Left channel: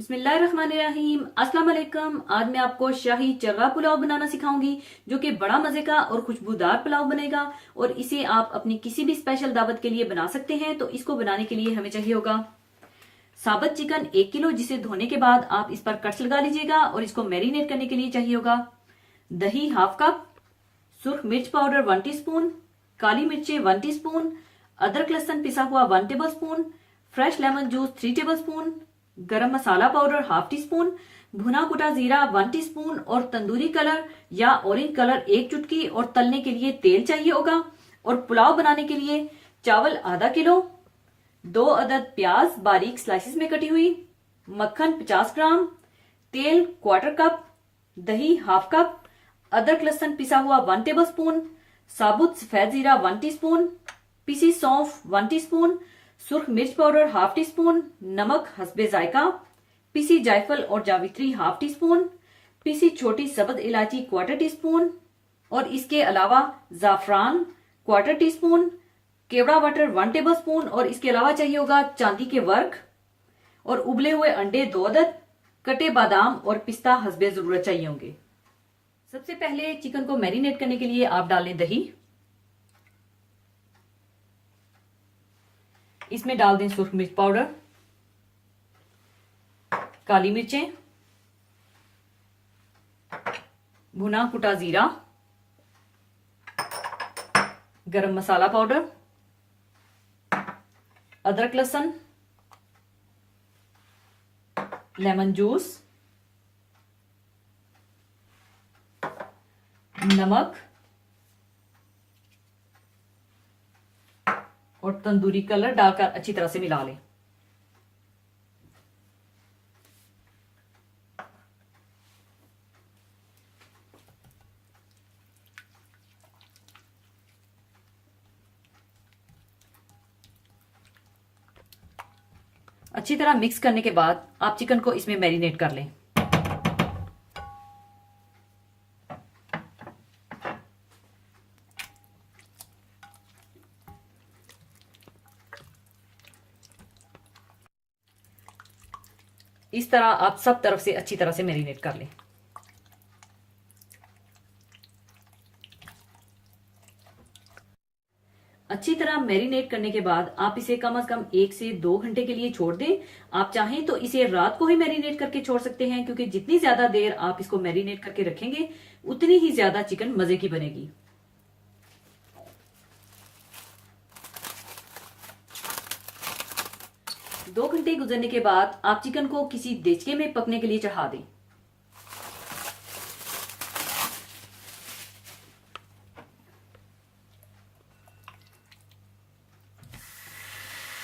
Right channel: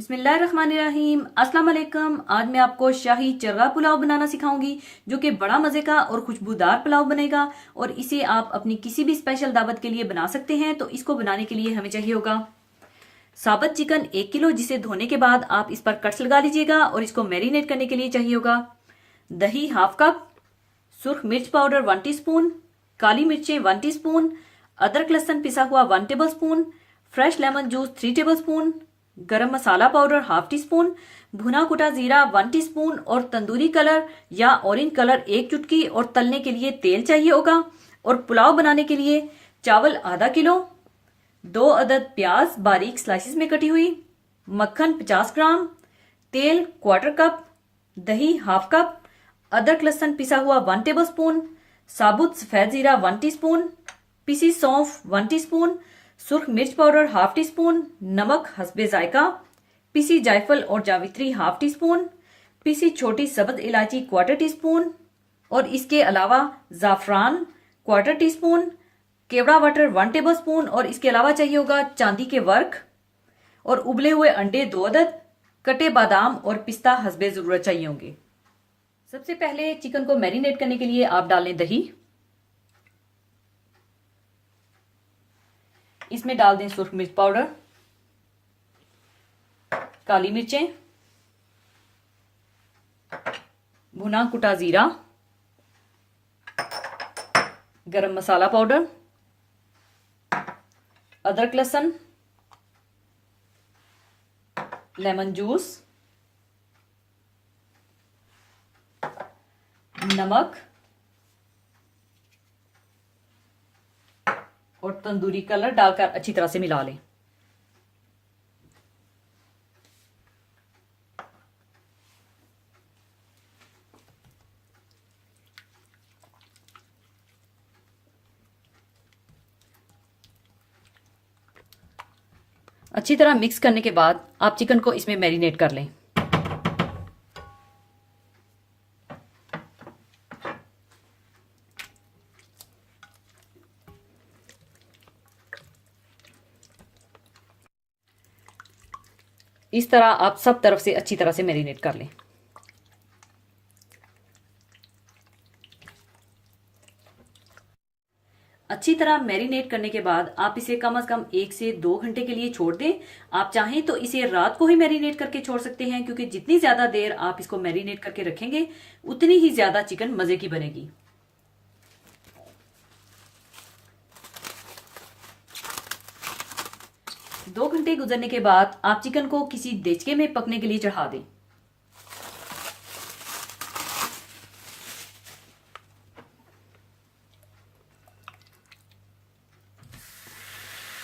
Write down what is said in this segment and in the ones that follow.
बिस्मिल्लाहिर्रहमानिर्रहीम। अस्सलाम वालेकुम। आज मैं आपको शाही चरगा पुलाव बनाना सिखाऊंगी जो कि बड़ा मजे का और खुशबूदार पुलाव बनेगा और इसे आप अपनी किसी भी स्पेशल दावत के लिए बना सकते हैं। तो इसको बनाने के लिए हमें चाहिए होगा साबुत चिकन 1 किलो, जिसे धोने के बाद आप इस पर कट्स लगा लीजिएगा। और इसको मैरिनेट करने के लिए चाहिए होगा दही हाफ कप, सुर्ख मिर्च पाउडर 1 टीस्पून, काली मिर्चें 1 टीस्पून, अदरक लहसुन पिसा हुआ 1 table spoon, fresh lemon juice 3 table spoon, गरम मसाला पाउडर हाफ टी स्पून, भुना कुटा जीरा 1 टीस्पून और तंदूरी कलर या ऑरेंज कलर 1 चुटकी। और तलने के लिए तेल चाहिए होगा। और पुलाव बनाने के लिए चावल आधा किलो, 2 अदद प्याज बारीक स्लाइसिस में कटी हुई, मक्खन 50 ग्राम, तेल 1/4 कप, दही हाफ कप, अदरक लहसुन पिसा हुआ 1 टेबल स्पून, साबुत सफेद जीरा 1 टीस्पून, पिसी सौंफ 1 टीस्पून, सुर्ख मिर्च पाउडर हाफ टी स्पून, नमक हस्बे जायका, पिसी जायफल और जावित्री हाफ टी स्पून, पिसी छोटी सब्ज इलायची 1/4 टीस्पून और इसके अलावा जाफरान 1/4 टीस्पून, केवड़ा बटर 1 टेबल स्पून। और इसके अलावा चाहिए होगा चांदी के वर्क और उबले हुए अंडे 2 अदद, कटे बादाम और पिस्ता हस्बे जरूरत चाहिए होंगे। सबसे पहले चिकन को मैरिनेट करने के लिए आप डाल लें दही। इसमें डाल दें सुर्ख मिर्च पाउडर, काली मिर्चें, भुना कुटा जीरा, गरम मसाला पाउडर, अदरक लहसुन, लेमन जूस, नमक और तंदूरी कलर डालकर अच्छी तरह से मिला लें। अच्छी तरह मिक्स करने के बाद आप चिकन को इसमें मैरिनेट कर लें। इस तरह आप सब तरफ से अच्छी तरह से मैरिनेट कर लें। अच्छी तरह मैरिनेट करने के बाद आप इसे कम से कम 1 से 2 घंटे के लिए छोड़ दें। आप चाहें तो इसे रात को ही मैरिनेट करके छोड़ सकते हैं, क्योंकि जितनी ज्यादा देर आप इसको मैरिनेट करके रखेंगे उतनी ही ज्यादा चिकन मजे की बनेगी। दो घंटे गुजरने के बाद आप चिकन को किसी देचके में पकने के लिए चढ़ा दें।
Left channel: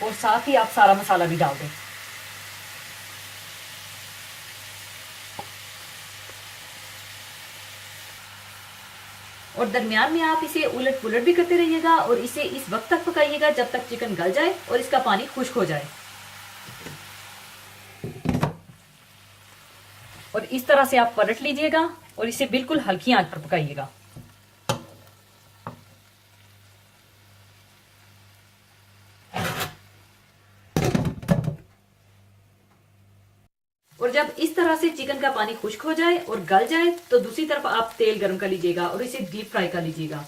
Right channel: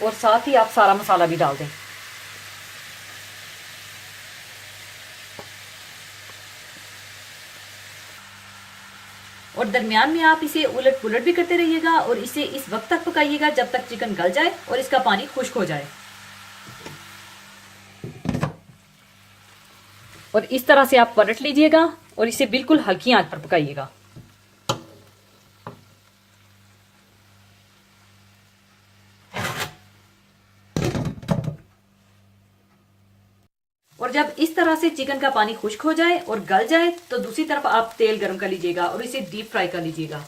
और साथ ही आप सारा मसाला भी डाल दें। और दरमियान में आप इसे उलट पुलट भी करते रहिएगा और इसे इस वक्त तक पकाइएगा जब तक चिकन गल जाए और इसका पानी खुश्क हो जाए। और इस तरह से आप पलट लीजिएगा और इसे बिल्कुल हल्की आंच पर पकाइएगा। और जब इस तरह से चिकन का पानी खुश्क हो जाए और गल जाए तो दूसरी तरफ आप तेल गर्म कर लीजिएगा और इसे डीप फ्राई कर लीजिएगा।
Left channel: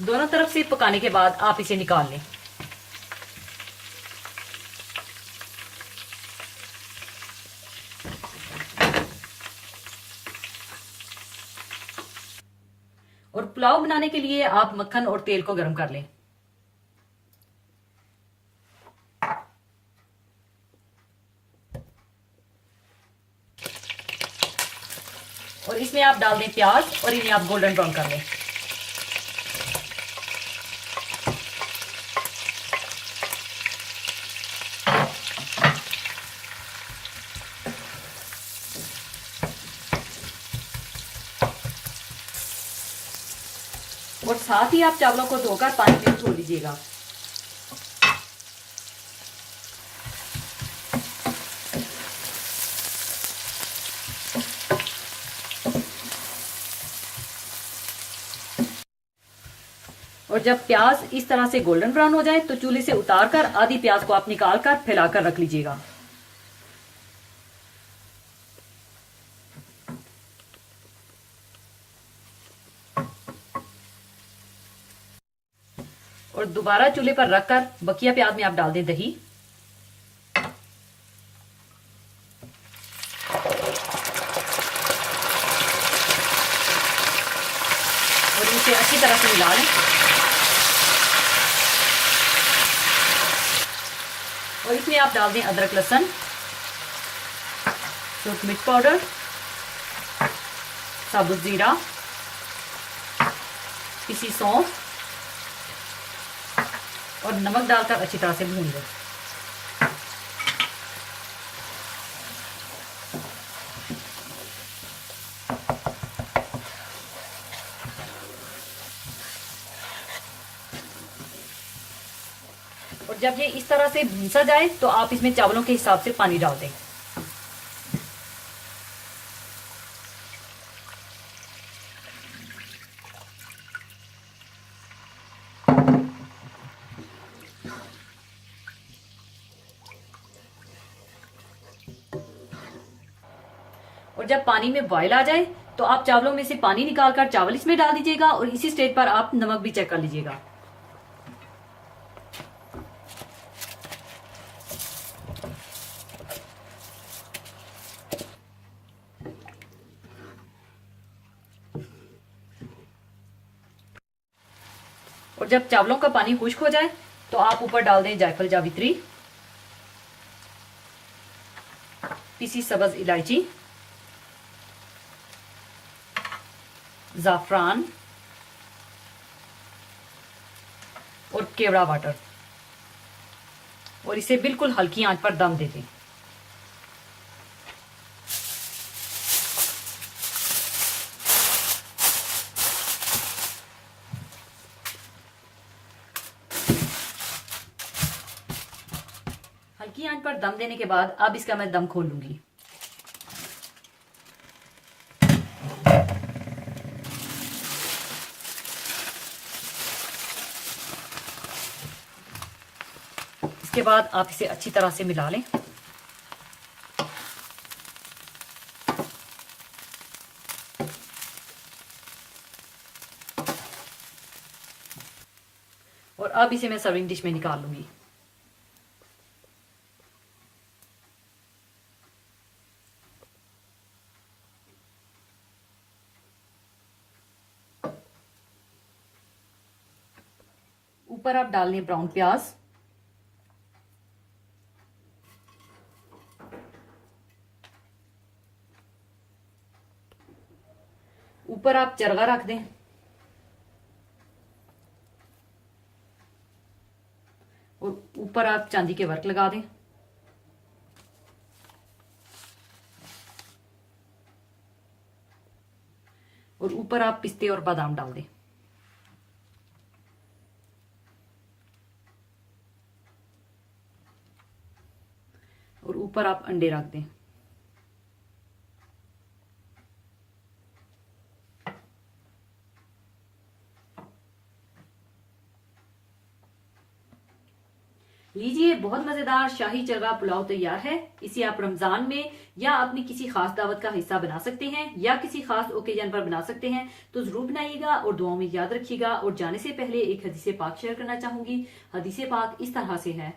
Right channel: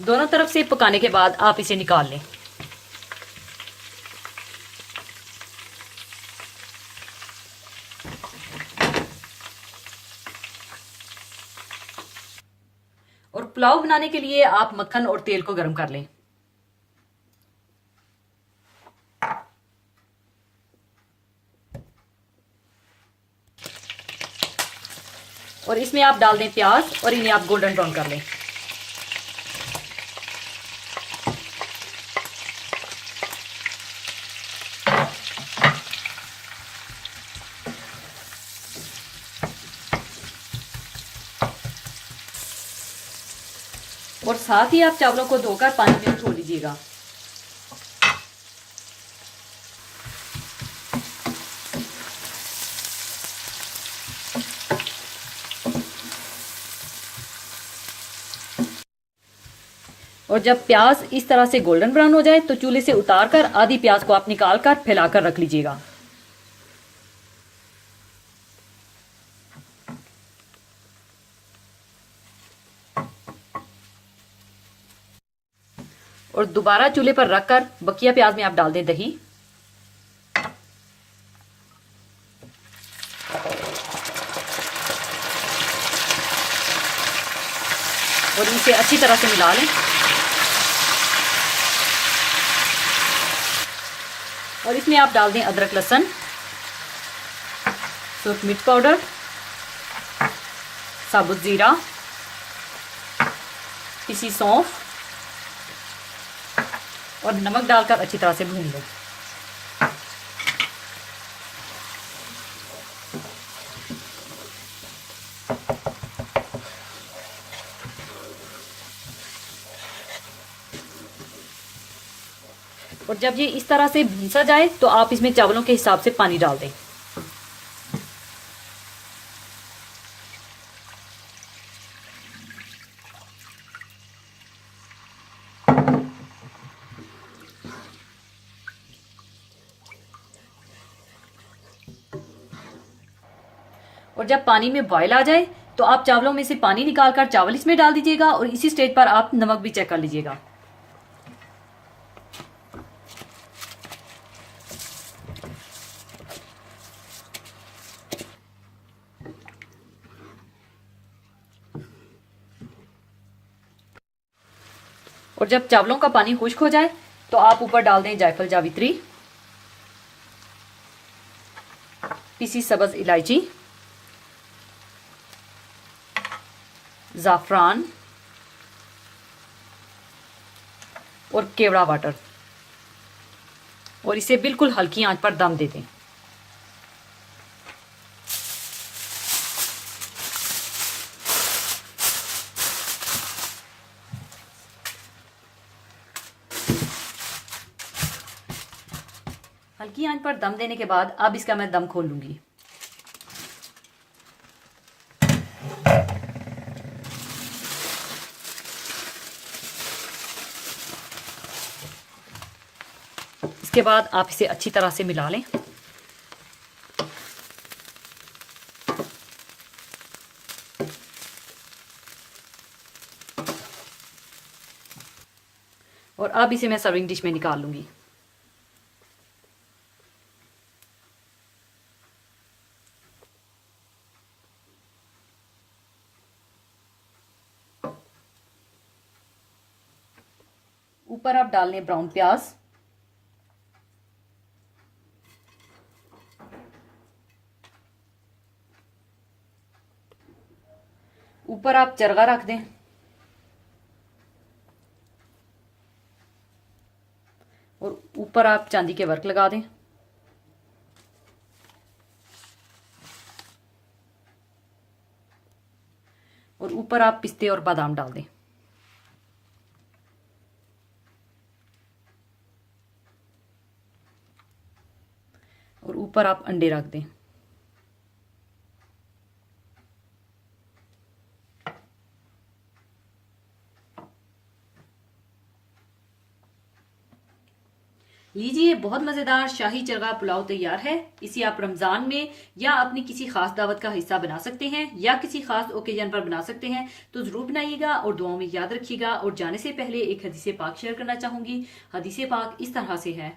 दोनों तरफ से पकाने के बाद आप इसे निकाल लें। और पुलाव बनाने के लिए आप मक्खन और तेल को गर्म कर लें। और इसमें आप डाल दें प्याज और इन्हें आप गोल्डन ब्राउन कर लें। और साथ ही आप चावलों को धोकर पानी में छोड़ दीजिएगा। और जब प्याज इस तरह से गोल्डन ब्राउन हो जाए तो चूल्हे से उतार कर आधी प्याज को आप निकाल कर फैलाकर रख लीजिएगा। और दोबारा चूल्हे पर रखकर बकिया प्याज में आप डाल दें दही। और इसे अच्छी तरह से मिला लें। और इसमें आप डाल दें अदरक लहसुन, सूखी मिर्च पाउडर, साबुत जीरा, पिसी सौंफ और नमक डालकर अच्छी तरह से भून लें। और जब ये इस तरह से भूंसा जाए तो आप इसमें चावलों के हिसाब से पानी डाल दें। और जब पानी में बॉयल आ जाए तो आप चावलों में से पानी निकालकर चावल इसमें डाल दीजिएगा और इसी स्टेज पर आप नमक भी चेक कर लीजिएगा। और जब चावलों का पानी खुश्क हो जाए तो आप ऊपर डाल दें जायफल जावित्री, पिसी सब्ज इलायची, जाफरान और केवड़ा वाटर और इसे बिल्कुल हल्की आंच पर दम दे दें। हल्की आंच पर दम देने के बाद अब इसका मैं दम खोल लूंगी। इसके बाद आप इसे अच्छी तरह से मिला लें। और अब इसे मैं सर्विंग डिश में निकाल लूंगी। ऊपर आप डाल लें ब्राउन प्याज, ऊपर आप चरगा रख दें और ऊपर आप चांदी के वर्क लगा दें। और ऊपर आप पिस्ते और बादाम डाल दें। और ऊपर आप अंडे रख दें। लीजिए, बहुत मजेदार शाही चरगा पुलाव तैयार है। इसे आप रमजान में या अपनी किसी खास दावत का हिस्सा बना सकते हैं या किसी खास ओकेजन पर बना सकते हैं। तो जरूर बनाइएगा और दुआओं में याद रखिएगा। और जाने से पहले एक हदीसे पाक शेयर करना चाहूंगी। हदीसे पाक इस तरह से है।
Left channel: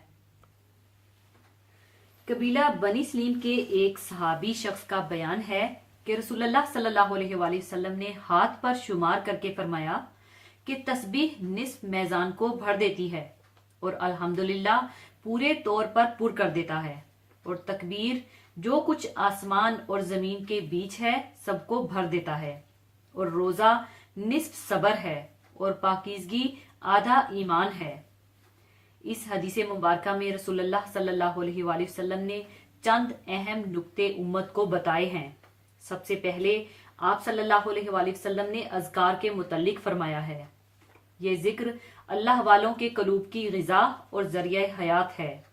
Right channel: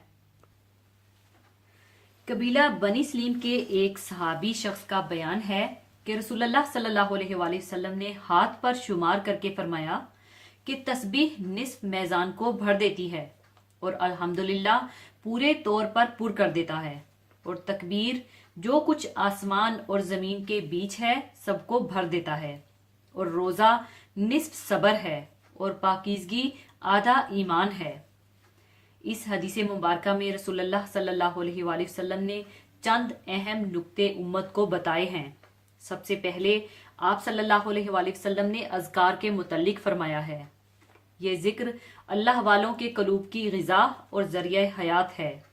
कबीला बनी सलीम के एक सहाबी शख्स का बयान है कि रसूलुल्लाह सल्लल्लाहु अलैहि वसल्लम ने हाथ पर शुमार करके फरमाया कि तस्बीह निस्फ मैजान को भर देती है और अल्हम्दुलिल्लाह पूरे तौर पर पुर कर देता है, और तकबीर जो कुछ आसमान और जमीन के बीच है सबको भर देता है, और रोजा निस्फ सबर है और पाकीज़गी आधा ईमान है। इस हदीस मुबारक में रसूलुल्लाह सल्लल्लाहु अलैहि वसल्लम ने चंद अहम नुक्ते उम्मत को बताए हैं। सबसे पहले आप सल्लल्लाहु अलैहि वसल्लम ने अज़कार के मुतल्लिक फरमाया है, ये जिक्र अल्लाह वालों के कलूब की ग़िज़ा और ज़रिया हयात है।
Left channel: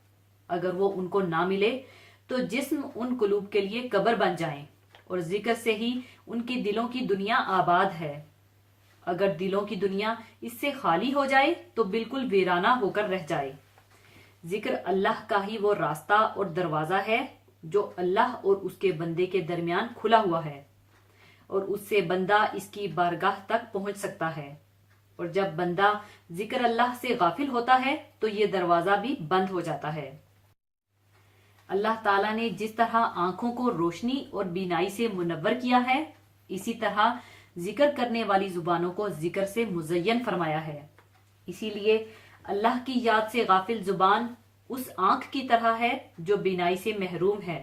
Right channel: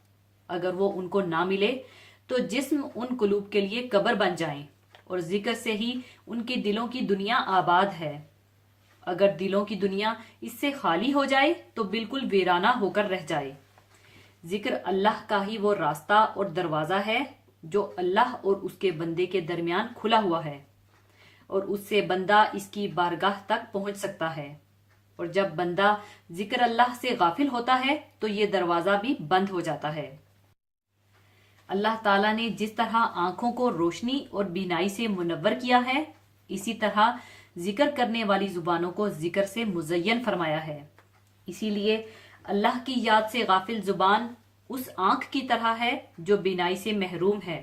अगर वो उनको ना मिले तो जिस्म उन कलूब के लिए कब्र बन जाएं, और जिक्र से ही उनके दिलों की दुनिया आबाद है। अगर दिलों की दुनिया इससे खाली हो जाए तो बिल्कुल वीराना होकर रह जाए। जिक्र अल्लाह का ही वो रास्ता और दरवाजा है जो अल्लाह और उसके बंदे के दरमियान खुला हुआ है और उससे बंदा इसकी बारगाह तक पहुंच सकता है। और जब बंदा जिक्र अल्लाह से गाफिल होता है तो ये दरवाजा भी बंद हो जाता है। अल्लाह ताला ने जिस तरह आंखों को रोशनी और बीनाई से मुनव्वर किया है, इसी तरह जिक्र करने वाली जुबानों को जिक्र से मुज़य्यन फरमाया है। इसीलिए अल्लाह की याद से गाफिल जुबान उस आंख की तरह है जो बीनाई से महरूम है,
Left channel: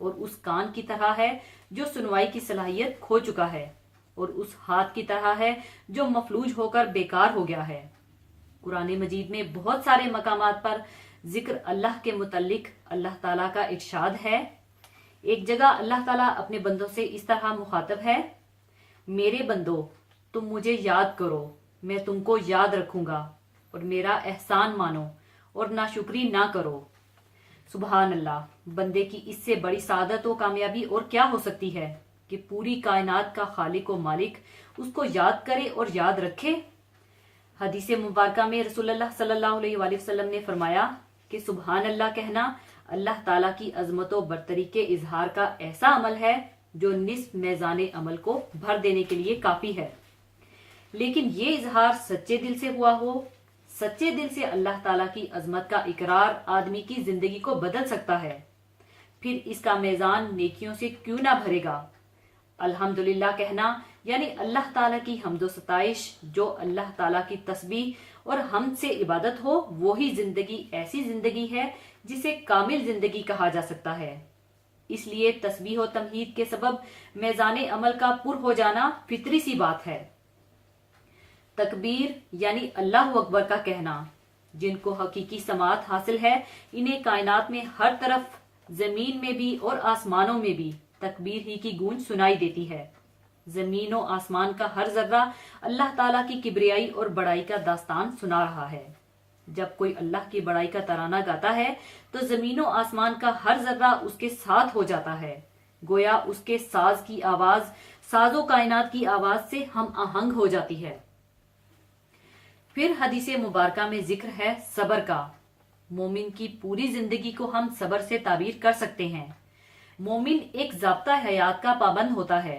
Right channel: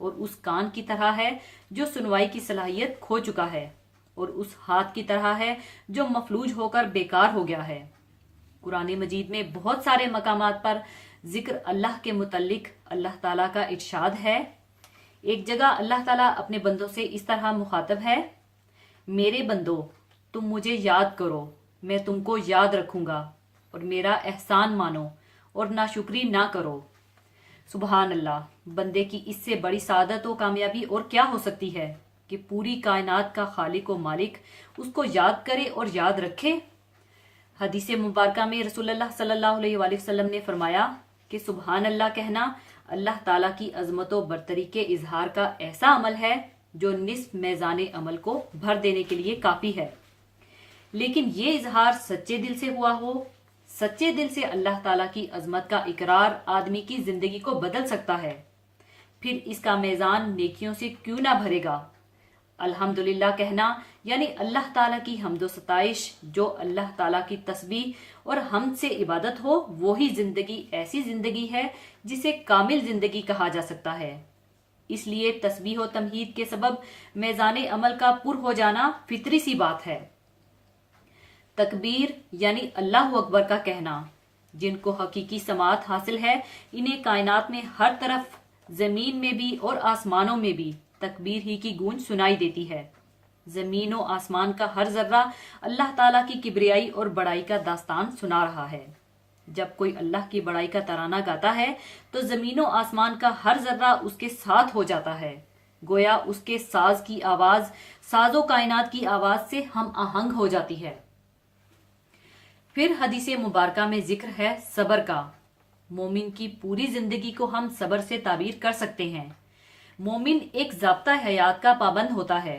और उस कान की तरह है जो सुनवाई की सलाहियत खो चुका है, और उस हाथ की तरह है जो मफलूज होकर बेकार हो गया है। कुरान मजीद में बहुत सारे मकामात पर जिक्र अल्लाह के मुतल्लिक अल्लाह ताला का इरशाद है। एक जगह अल्लाह ताला अपने बंदों से इस तरह मुखातब है, मेरे बंदो तुम मुझे याद करो, मैं तुमको याद रखूंगा, और मेरा एहसान मानो और नाशुक्री ना करो। सुबहान अल्लाह, बंदे की इससे बड़ी सादत और कामयाबी और क्या हो सकती है कि पूरी कायनात का खालिक व मालिक उसको याद करे और याद रखे। हदीस मुबारका में रसूलुल्लाह सल्लल्लाहु अलैहि वसल्लम ने फरमाया कि सुबहान अल्लाह कहना अल्लाह ताला की अजमत व बरतरी के इजहार का ऐसा अमल है जो निस्फ मैज़ाने अमल को भर देने के लिए काफी है। लेकिन ये इजहार सच्चे दिल से हुआ हो, सच्चे दिल से अल्लाह ताला की अजमत का इकरार आदमी की जिंदगी को बदल सकता है। फिर इसका मैज़ान नेकियों से क्यों ना भरेगा। अल्हम्दुलिल्लाह कहना यानी अल्लाह ताला की हम्दो सताइश, जो अल्लाह ताला की तस्बीह और हमद से इबादत हो, वो ही जिंदगी ऐसी जिंदगी है जिसे कामिल जिंदगी कहा जा सकता है। इसलिए तस्बीह और तमहीद के सबब मैज़ाने अमल का पुर हो जाना फितरी सी बात है। तकबीर यानी अल्लाह अकबर का कहना, जिनको हकीकी समात हासिल है, इन्हें कायनात में हर तरफ, जमीन में भी और आसमानों में भी तकबीर ही की गूंज सुनाई देती है। जमीन और आसमान का हर जर्रा अल्लाह ताला की किबरियाई और बड़ाई का दास्तान सुना रहा है। जब कोई अल्लाह की बड़ाई का तराना गाता है तो जमीन और आसमान का हर जर्रा उसके साथ हो जाता है, गोया उसके साज की आवाज साजो कायनात की आवाज से हम आहंग हो जाती है। फिर हदीस मुबारका में जिक्र है सबर का। मोमिन की पूरी जिंदगी को हम सबर से ताबीर कर सकते हैं। मोमिन एक ज़ाब्ता हयात का पाबंद होता है।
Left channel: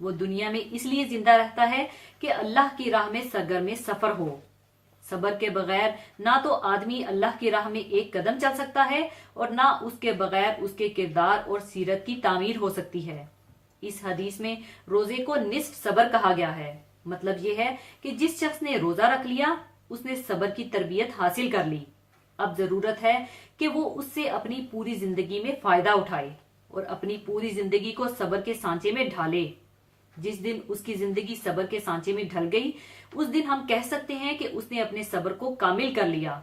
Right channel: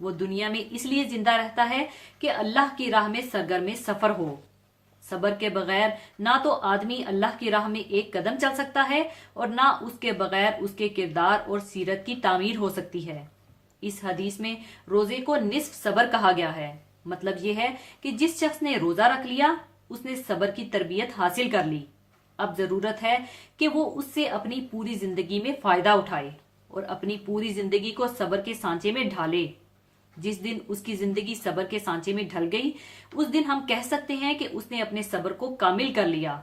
वो दुनिया में इसलिए जिंदा रहता है कि अल्लाह की राह में सरगर्म सफर हो। सबर के बगैर ना तो आदमी अल्लाह की राह में एक कदम चल सकता है और ना उसके बगैर उसके किरदार और सीरत की तामीर हो सकती है। इस हदीस में रोजे को निस्फ सबर कहा गया है। मतलब ये है कि जिस शख्स ने रोजा रख लिया उसने सबर की तरबियत हासिल कर ली। अब जरूरत है कि वो उससे अपनी पूरी जिंदगी में फायदा उठाए और अपनी पूरी जिंदगी को सबर के सांचे में ढाले। जिस दिन उसकी जिंदगी सबर के सांचे में ढल गई, उस दिन हम कह सकते हैं कि उसने अपने सबर को कामिल कर लिया।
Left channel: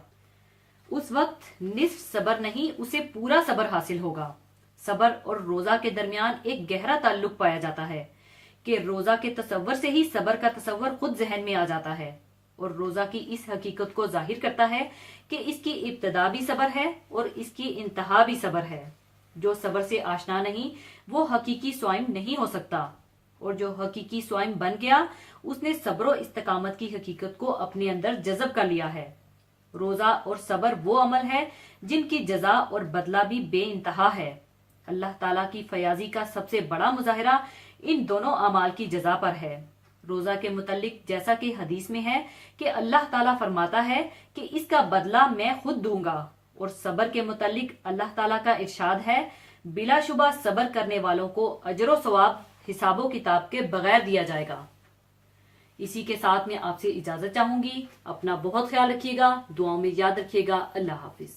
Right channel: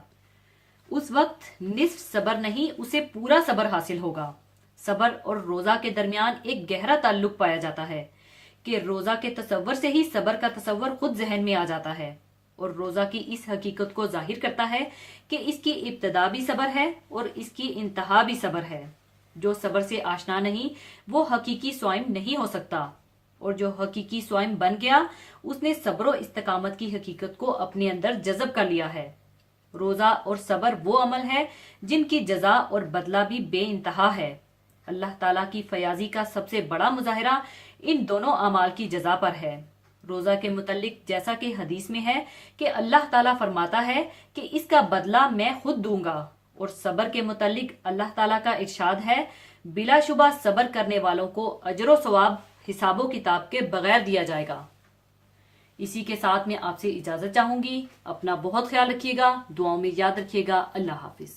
उस वक्त निस्फ सबर नहीं, उसे पूरा सबर हासिल होगा। सबर और रोजा के दरमियान एक गहरा ताल्लुक पाया जाता है कि रोजा के तसव्वुर से ही सबर का तसव्वुर खुद जहन में आ जाता है, और रोजा की इस हकीकत को जाहिर करता है कि इसकी इब्तिदा भी सबर है और इसकी इंतहा भी सबर है। जो सबर से आशना नहीं वो हकीकी स्वाइम नहीं हो सकता, और जो हकीकी स्वाइम बन गया उसने सब्र और इस्तकामत की हकीकत को अपने अंदर जज़ब कर लिया है। रोजा और सबर वो अमल है जिनकी जजा और बदला भी बेइंतहा है। अल्लाह ताला की फयाजी का सबसे बड़ा मुजाहिरा इन दोनों अमाल की जजा पर है। रोजा के मुतल्लिक जैसा कि हदीस में है कि अल्लाह ताला फरमाता है कि इसका बदला मैं खुद दूंगा, और सबर के मुतल्लिक अल्लाह ताला का इरशाद है, बिलाशुबा सबर करने वालों को अजर व सवाब हिसाबो किताब के बगैर दिया जाएगा। इसी के साथ मैं आपसे इजाजत चाहूंगी। अपना बहुत ख्याल रखिएगा, दुआओं में याद रखिएगा। अल्लाह हाफिज।